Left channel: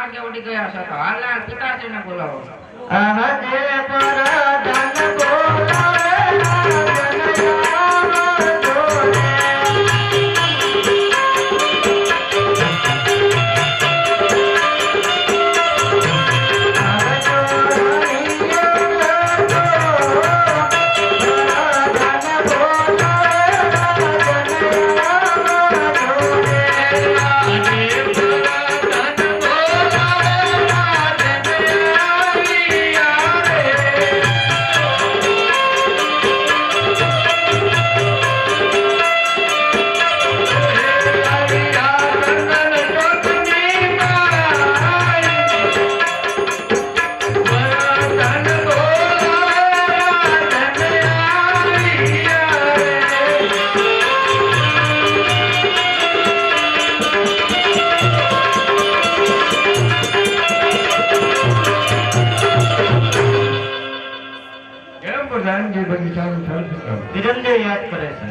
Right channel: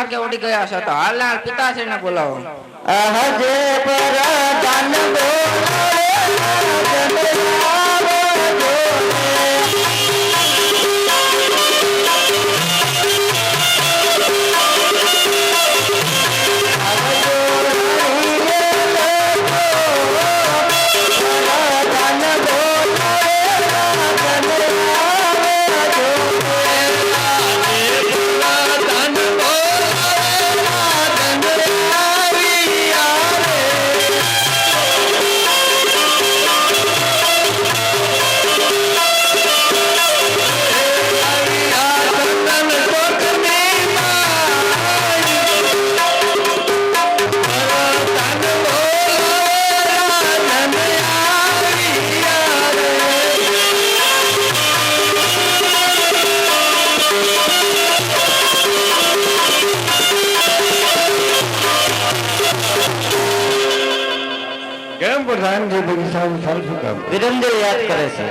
માર્ગે ઉડી ગયા છે તો હાલના પિતાશ્રીને બોલાવો. આજે પરાધન વિરમદેવ યાદ કરે છે.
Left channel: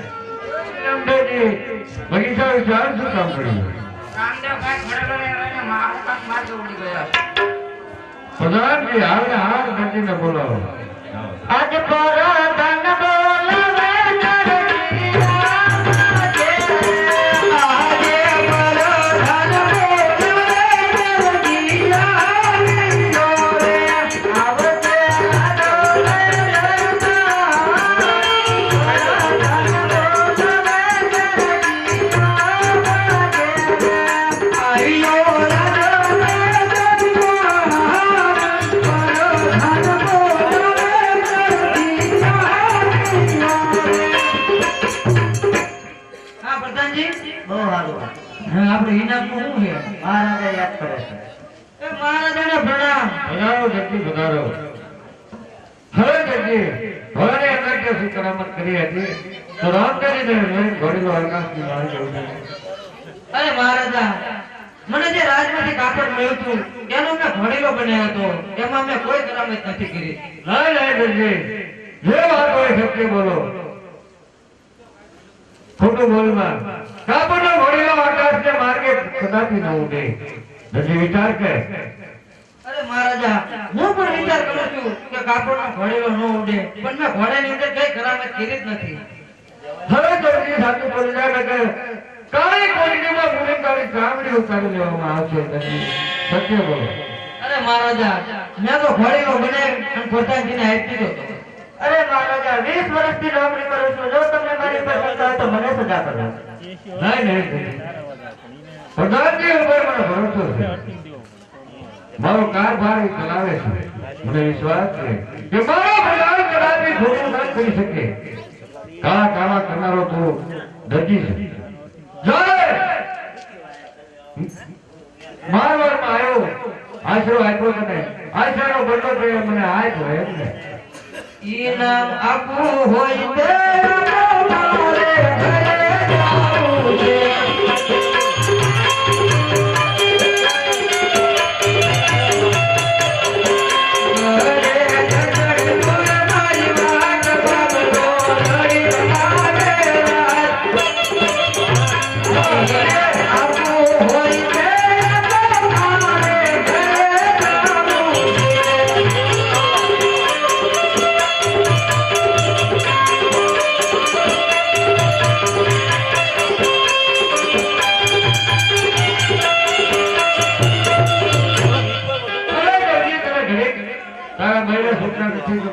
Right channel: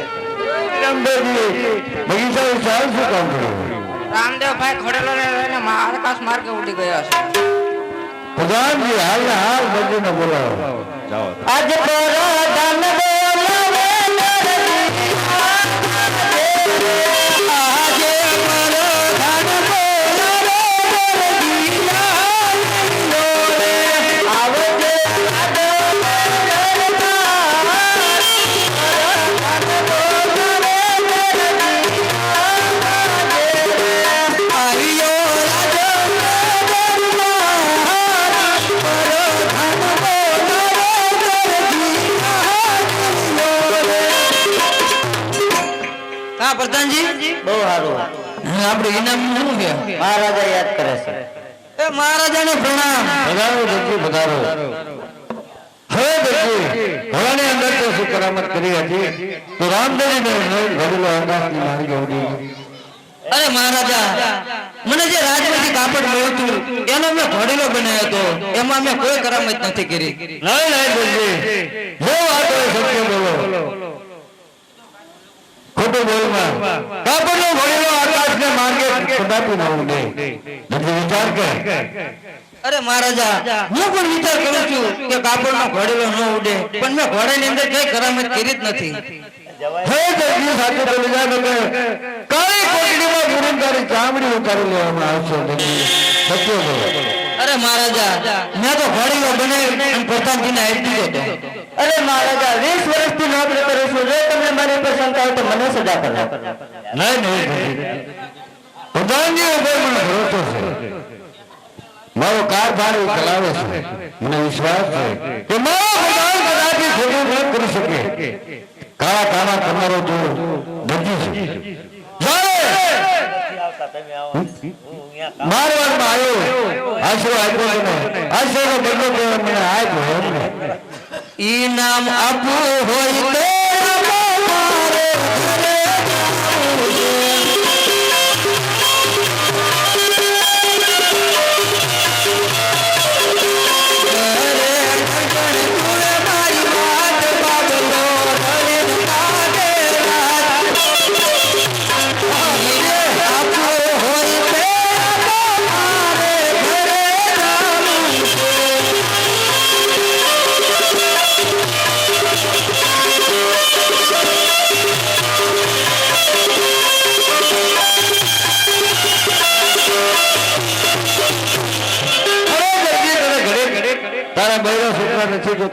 રામદેવ ભાઈ ખડેલો રહીને આકાશ માર્ગે ઉડી ગયા છે. પ્રધાનજી હાલને હાલ બંધીને બોલાવો. આજે પરાધન બહુ સારું. આપણે ઇનામ શું છે? મહારાજા યાદ કરે છે. એ મહારાજાને પ્રણામ. પધારો દરજી પધારો. હવે દરજી ભવાની અંદર તો શું કરામત કરી હતી તો રામદેવને ઘરેલું આકાશની માર્ગે ઉડી. અરે મહારાજા, મને જે રાજમાંથી કાપડ મળ્યું હતું એનો મેં ઘોડીલો બનાવ્યો હતો, એમાં મેં કોઈ કરામત નથી કરી. ના ના દરજી જો આ કોઈ સત્ય બોલો ખોટું બોલમાં કાપડનો ઘોડીલો આકાશને માર્ગે કદાપી ન ઉડે. દરજી વિચાર કર. અરે મહારાજા, હું પણ વિચાર કરું છું કે કાપડનો ઘોડીલો ન ઉડે, પણ મેં ઘોડાની અંદર કઈ કરામત કરી જ નથી. હવે દરજી સાથે બોલી જાય કે કાળી કોટડીમાં ગુનેગારી ચામડી ઉતારી લેવામાં આવશે. દરજી સત્ય બોલો. અરે મહારાજા, મેં તો ઘોડીલો બનાવી અને પ્રધાનજીને આપી દીધો હતો. અરે મહારાજા, 20 વર્ષથી નોકરી કરું છું. જો તમને મારી પર શંકા હોય તો મને સજા કરજો. નહીં નહીં પ્રધાનજી ઉપર મને ભરોસો છે. મારો કારભાર ચલાવે છે. મને વિશ્વાસ છે કે મારો પ્રધાન કદાચ ખોટું ન કરી શકે. કાળા કાળા તમારો તો દરજી છે. મારવાડમાં આવ્યો આશરો આપ્યો મને. આશરો બનનો પ્રયોગ મને આપ્યો. ઇનામ આપવું હોય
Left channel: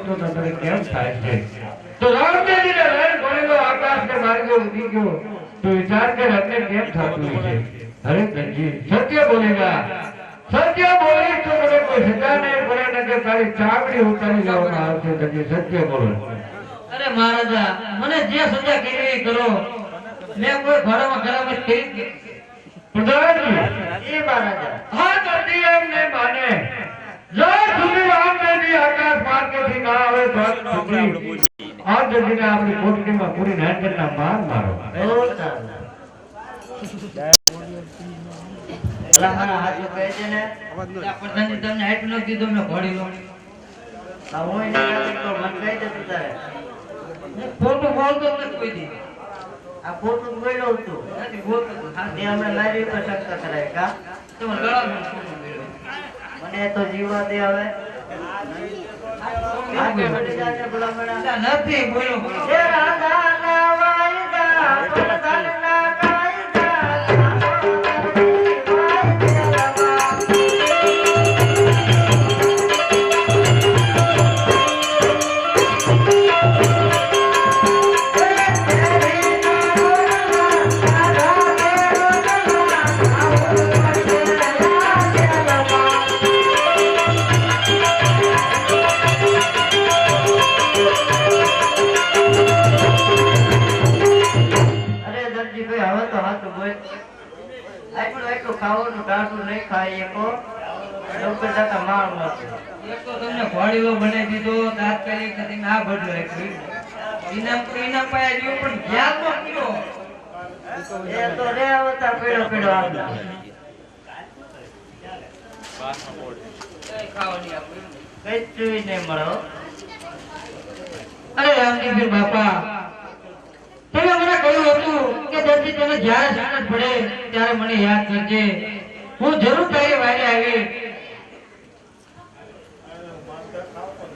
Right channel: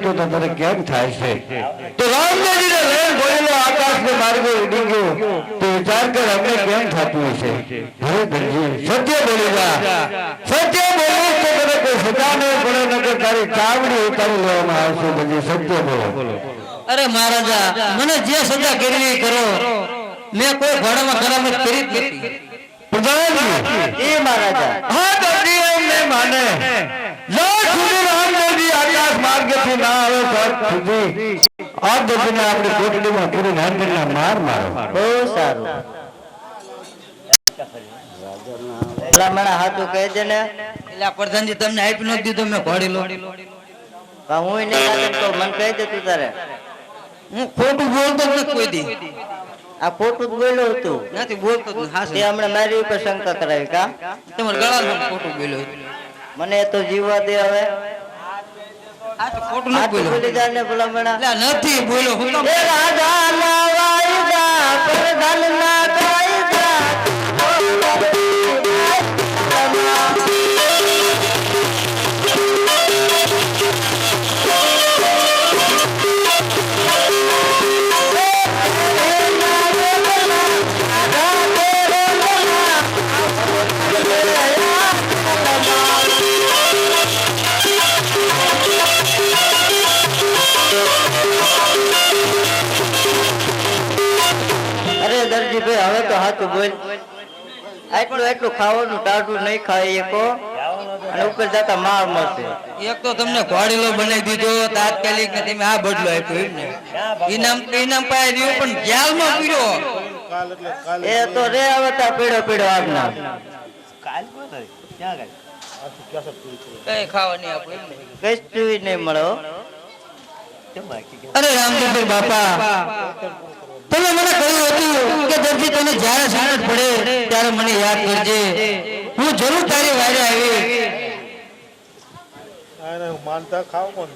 તો તને કેમ થાય છે? તો રામદેવજીને રેલ ઘોડીલો આકાશને માર્ગે ઉડી ગયો તો વિચાર કર અમને કેમ થતું હશે. હવે દરજી સત્ય બોલેલા. સત્ય બોલીશ તો તને કોઈ સજા નહીં પડે, નકર તારી ચામડી ઉતારી લેવામાં આવશે. દરજી સત્ય બોલો. અરે મહારાજા, મને જે સજા કરવી એ કરો, મેં કોઈ ઘોડામાં કરામત કરી જ નથી. પ્રધાનજી એ મહારાજા, હા દરજી એમ નહીં માને. જો સુધી રામદેવજી આકાશ માર્ગેથી ના આવે તો સુધી આ દરજીને આપણે કોટડીમાં પૂરી નાંદના માર મારો. બહુ સારું. પેલા મારા હાથું કહી દે ને. પેલા પ્રધાનજી તમને આપી નથી દીધો, મેં ઘોડીલો. હું નહીં તો મને કહી દે તું તારે. હું ખોટું બોલતો જ નથી કોઈ દી. આ ખોટું જ બોલ્યો હતું નથી બોલતો જ હાસ તે હમણાં મારી ઉપર શંકા કરાવી કા તમારા ગળામાં ખોટું બોલ્યો મને તો જીવવા દે હવે આ તો ખોટું ન આટલું બોલ્યો બોલી જાને ભલામણા એટલે નથી બોલ્યો હું તો એ રાજાના વાયદા પ્રધાનના કાયદા અરે દરજીભાઈ હવે તો હાથું બોલ એટલું ખાવાનું ટાઢું નહીં ખાય એકો અને ઉપર જતા માર મળશે એક તો તમને ઘોડીલો બનાવી દીધો તાત્કાલિક ને તમે આ બદલો આપ્યો એમ ને ઇનામ પાય રહ્યું પણ જ્ઞાન નો પીડ્યો એ તો રે આવતા પીડો પીડો આજના કઈ ખાવા નહીં આપે કઈ ચૂઈ નહીં મળો અરે રામદેવભાઈ બાપા તમે મને કહ્યું હતું કે દરજી તને જ્યારે સાણસ પડે ત્યારે મને યાદ કરજે હું જરૂર તારી વાડે આવી આને માનતા ખાવ કોણ